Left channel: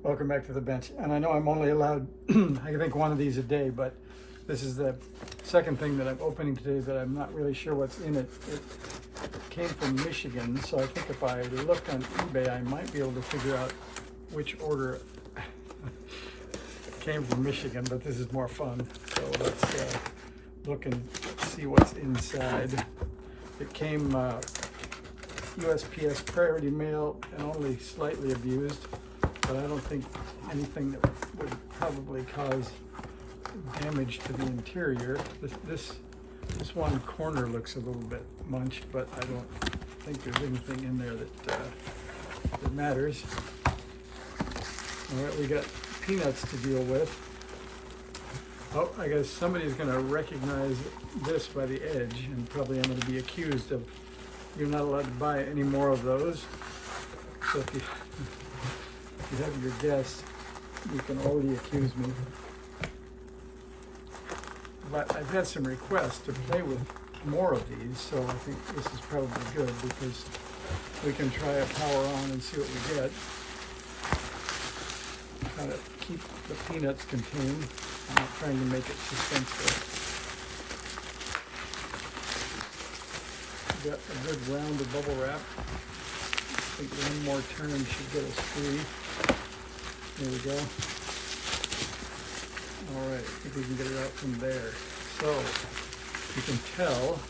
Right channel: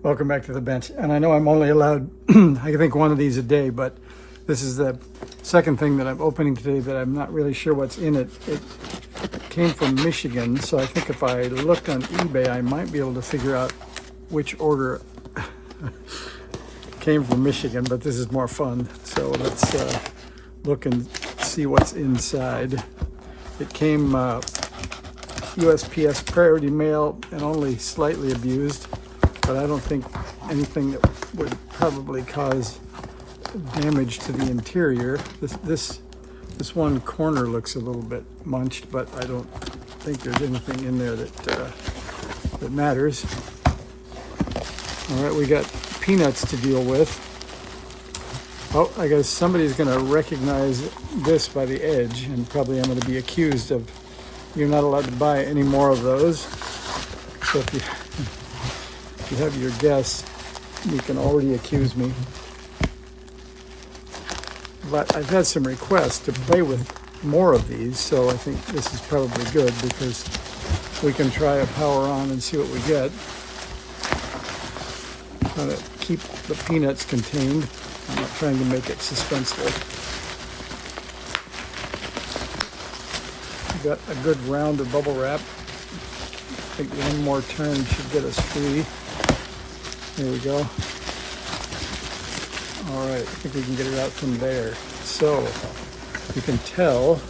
Welcome back to the bench. And I know I'm only allowed, I think, one of these a day, but this is the second thing that I'm opening today that I'm not really sure what's in it. It came from Michigan, so I think if I looked on eBay, I might be able to figure out which order came from Michigan, but this is more fun. So let's look and see what's inside. It came USPS Priority Mail and only slightly abused, but I don't think anything that would probably cause damage to the interior. This one corner looks a little bit munched, but I don't think there's anything in there that matters. All right, we got peanuts to deal with. Oh, I guess somebody's going to recognize this by the edge, and probably I'm going to be accused of you're not allowed to buy any more of those. So if you have your guess, you can already accuse me. But I've had some requests to play with more of these, so I think this is probably good because we can try a power on and see what we get. Try to keep the peanuts contained. I'm not trying to make it suspenseful. Got a good round of bubble wrap. I think one more turn should get us free. There we go. All right, I think we can get it out from there. So you can tell,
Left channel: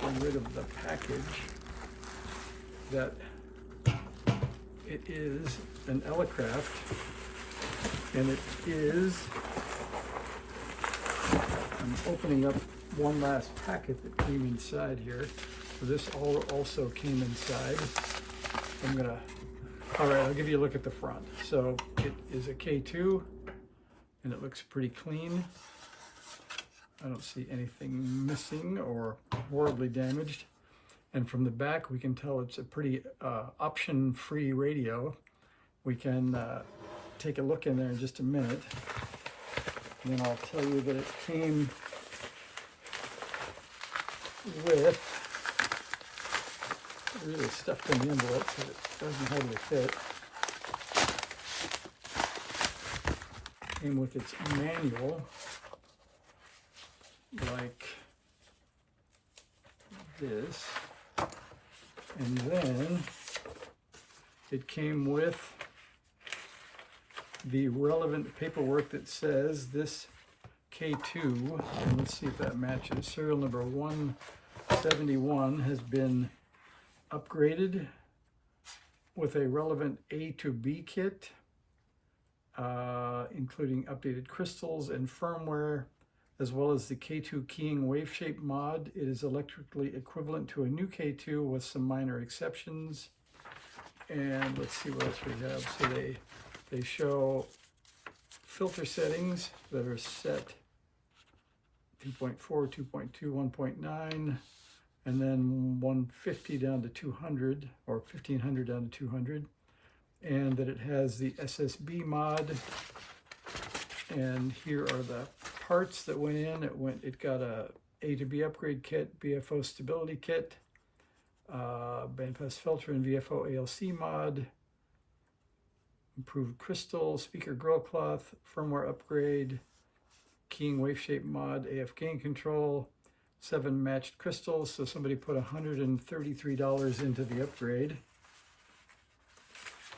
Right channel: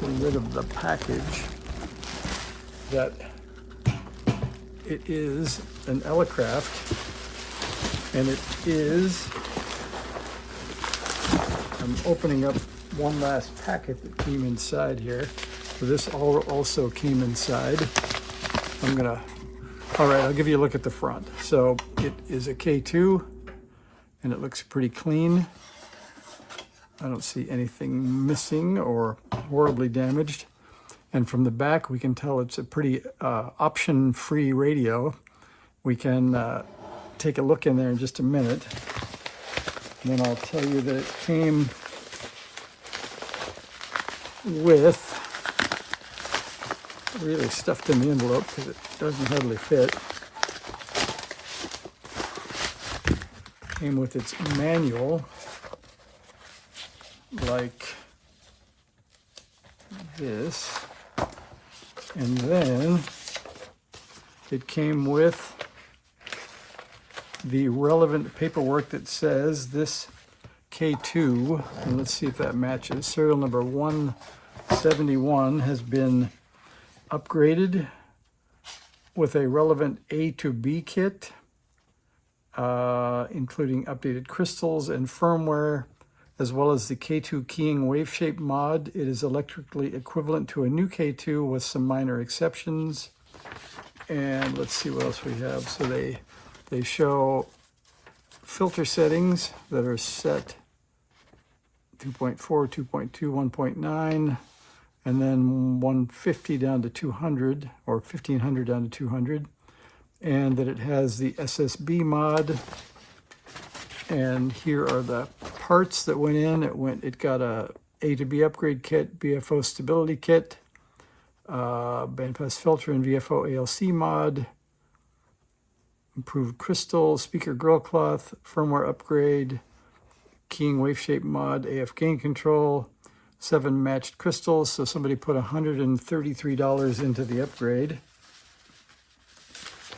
getting rid of the package, that it is an Elecraft, and it is, I'm opening up one last packet that came inside here. So this also came inside. All right, I'll give you a look at the front. So it is a K2, and it looks pretty clean. I don't see anything missing or horribly damaged. And from the back, we can tell it's a pretty option-free radio. We can take a look in there in just a minute. And then I'll tell you that it came with, really stuffed in the envelope because it doesn't hardly fit. Came with its manual, like this, and then it came with the relevant paperwork that says this K2, and let's see if that matches. Serial number 171 has been upgraded with a relevant A to B kit, including updated crystals and firmware, as well as the K2 keying wave shape mod. It is electrically equivalent to a new K2 with some minor exceptions. And let's see what else we have. So they show filter settings that are set 2.4, 2.2, 1.9, and then 150 down to 200, or 1500 down to 200, and that it has the SSB mod. And here are the parts that went in. It got a to B upgrade kit, BFO stability kit, bandpass filter and VFO ALC mod, improved crystal, speaker grill cloth, firmware upgrade, keying wave shape mod, AF gain control, 7 matched crystals. So somebody put $133 into the upgrade.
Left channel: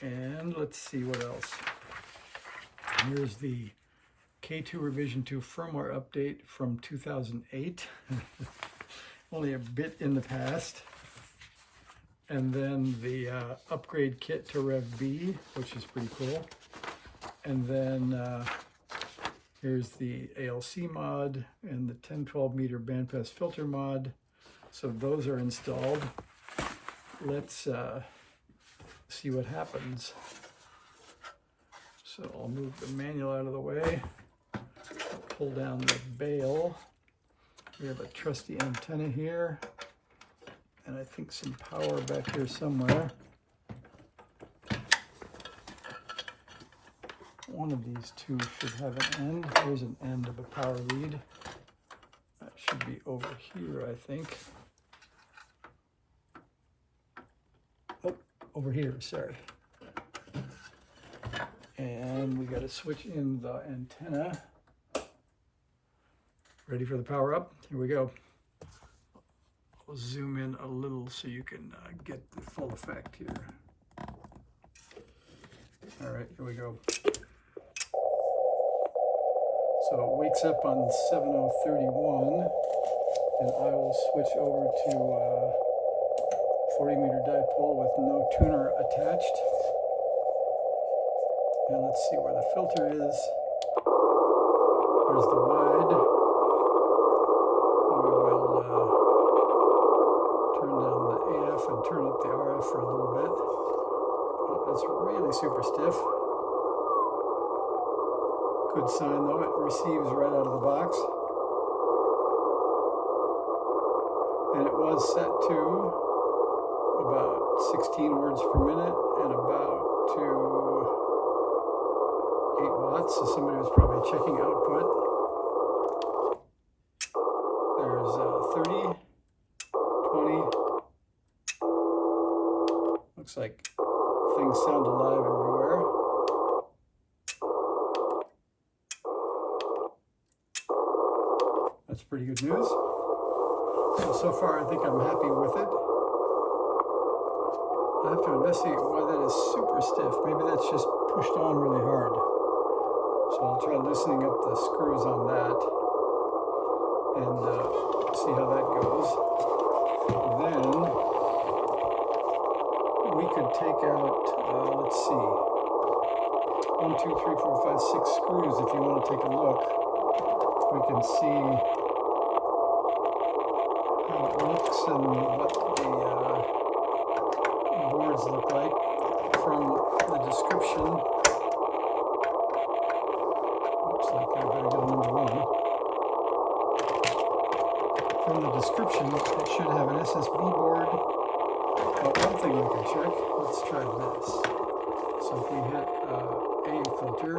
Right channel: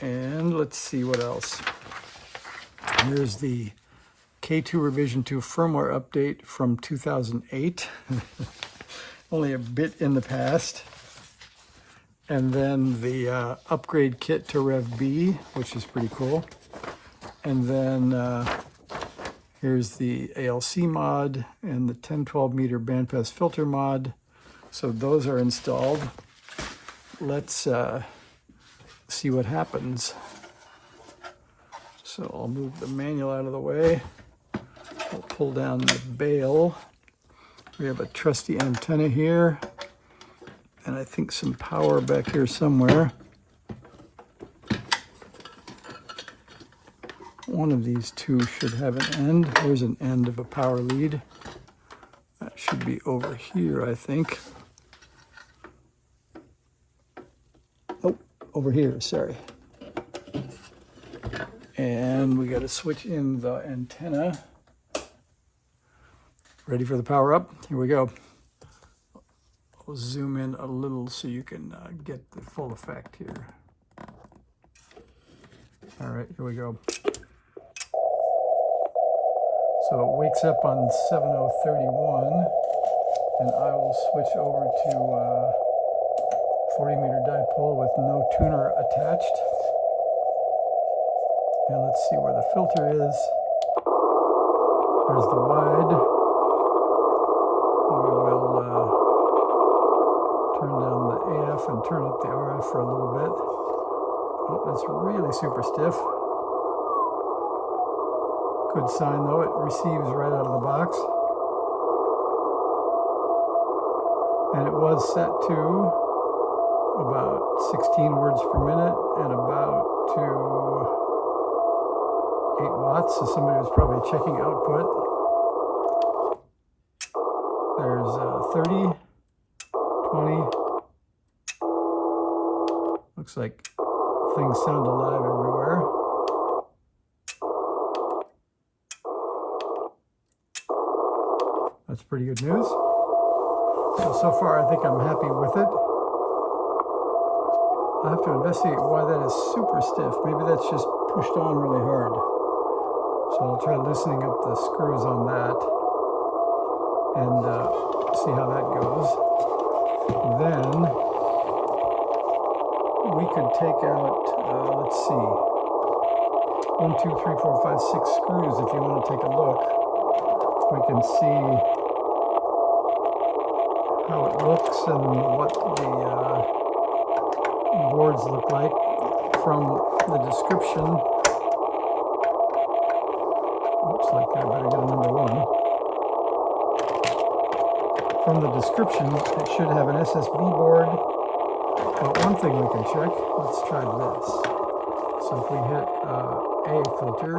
And let's see what else. Here's the K2 revision 2 firmware update from 2008. Only a bit in the past. And then the upgrade kit to Rev B, which is pretty cool. And then here's the ALC mod and the 10-12 meter bandpass filter mod. So those are installed. Let's see what happens. So I'll move the manual out of the way. We'll pull down the bail. We have a trusty antenna here, and I think some power back here somewhere. One of these two should have an end. There's an end of a power lead. That should be over here, I think. Oh, over here, sorry. And we got to switch in the antenna. Ready for the power up? Here we go. I'll zoom in a little so you can get the full effect here. All right, here we go. So it wakes up on 7031, and I will switch over to 40-meter dipole with no tuner attached. And let's see where the filter is. There's the wide. We will turn down the AF and turn up the RF for a little bit. Oh, that's really super stiff. Good sign though, it receives right out of the box. And it was set to about 16 words per minute and about to 8 watts, so somebody was probably checking output. There's 30, 20. Looks like things sound alive everywhere. That's pretty good news. So far I think I'm happy with it. I'll have to investigate why that is super stiff. Maybe that's just pushed on really hard. So I'll try loosening up the screws on that and see how that goes. Then we could take out, let's see, 1, 2, 3, 4, 5, 6 screws if you want to take a look. We can see how it looks and what the boards look like from the description. Looks like I better get number 1. From the description, it should have an SSB board. But one thing we can check, let's try this. So if we hit A filter,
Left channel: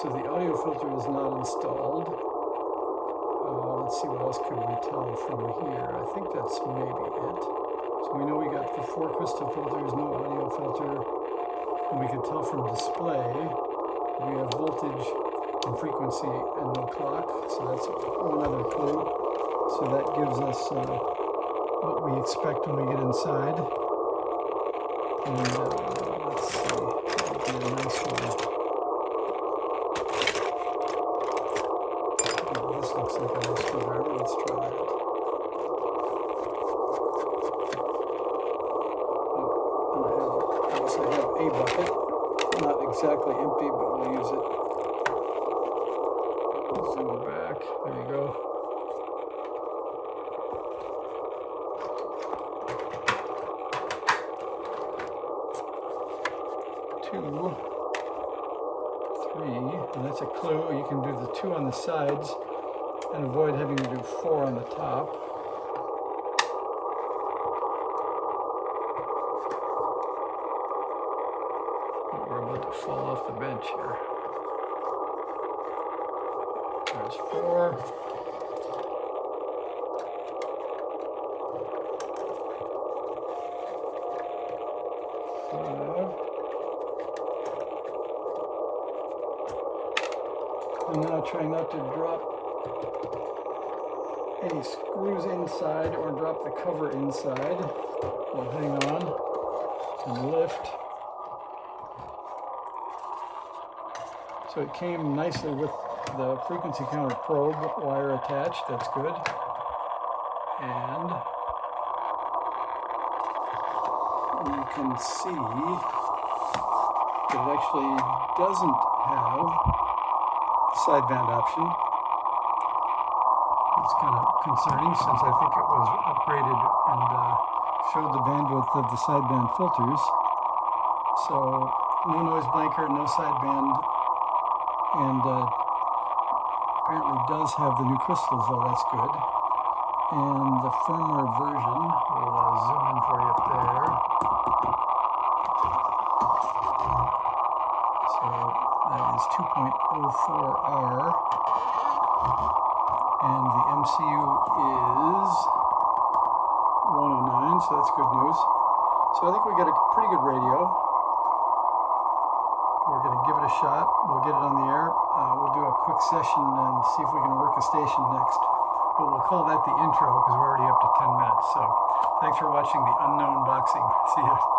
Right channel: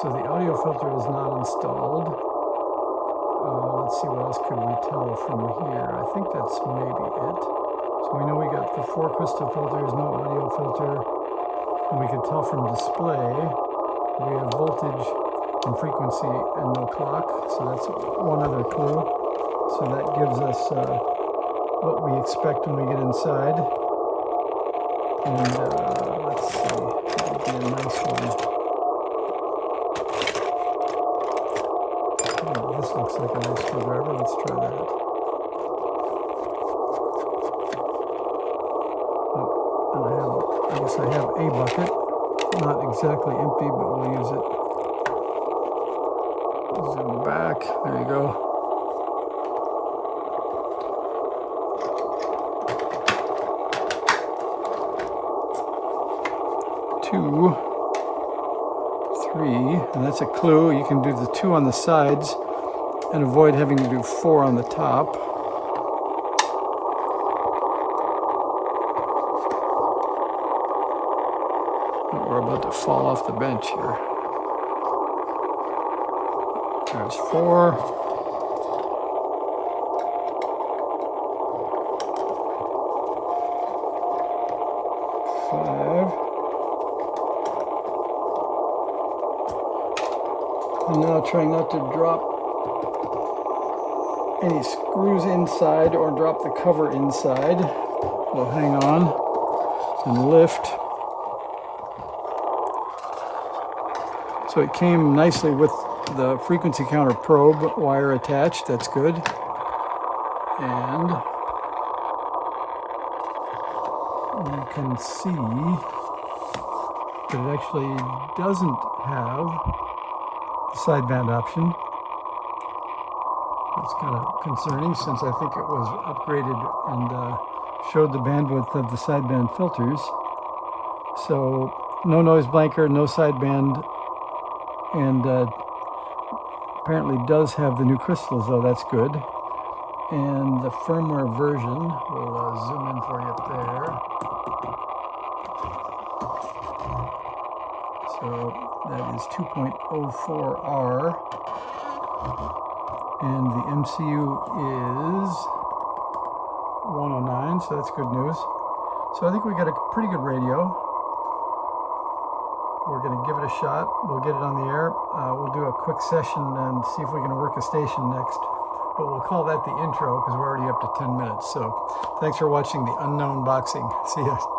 so the audio filter is not installed. Let's see, what else could we tell from here? I think that's maybe it. So we know we got the 4 crystal filters, no audio filter. And we can tell from display, we have voltage and frequency and no clock. So that's one other clue. So that gives us what we expect when we get inside. And let's see, that would be a nice one. Oh, this looks like a nice screwdriver. Let's try that. Oh, and I guess I have a bucket. Not exactly empty, but we'll use it. Zoom back. There you go. Two, 3, and that's a clue. You can do the 2 on the sides and avoid having to do 4 on the top. Oh, we're about to fall off the bench here. There's 4. 5. And now trying not to drop any screws inside or drop the cover inside. We'll hang on and lift. So it came nicely with the frequency counter probe wire attached. That's good. And you can see that it actually doesn't have sideband option. It's kind of concerning since I think it was upgraded and showed the bandwidth of the sideband filters. So no noise blanker, no sideband, and apparently does have the new crystals though, that's good. And the firmware version, we'll zoom in for you up there. So that is 2.04R, and the MCU is 109, so that's good news. So I think we got a pretty good radio. we're going to give it a shot. We'll get it on the air. We'll do a quick session and see if we can work a station next. But we'll call that the intro because we're already up to 10 minutes. So thanks for watching the Unknown Boxing. See ya.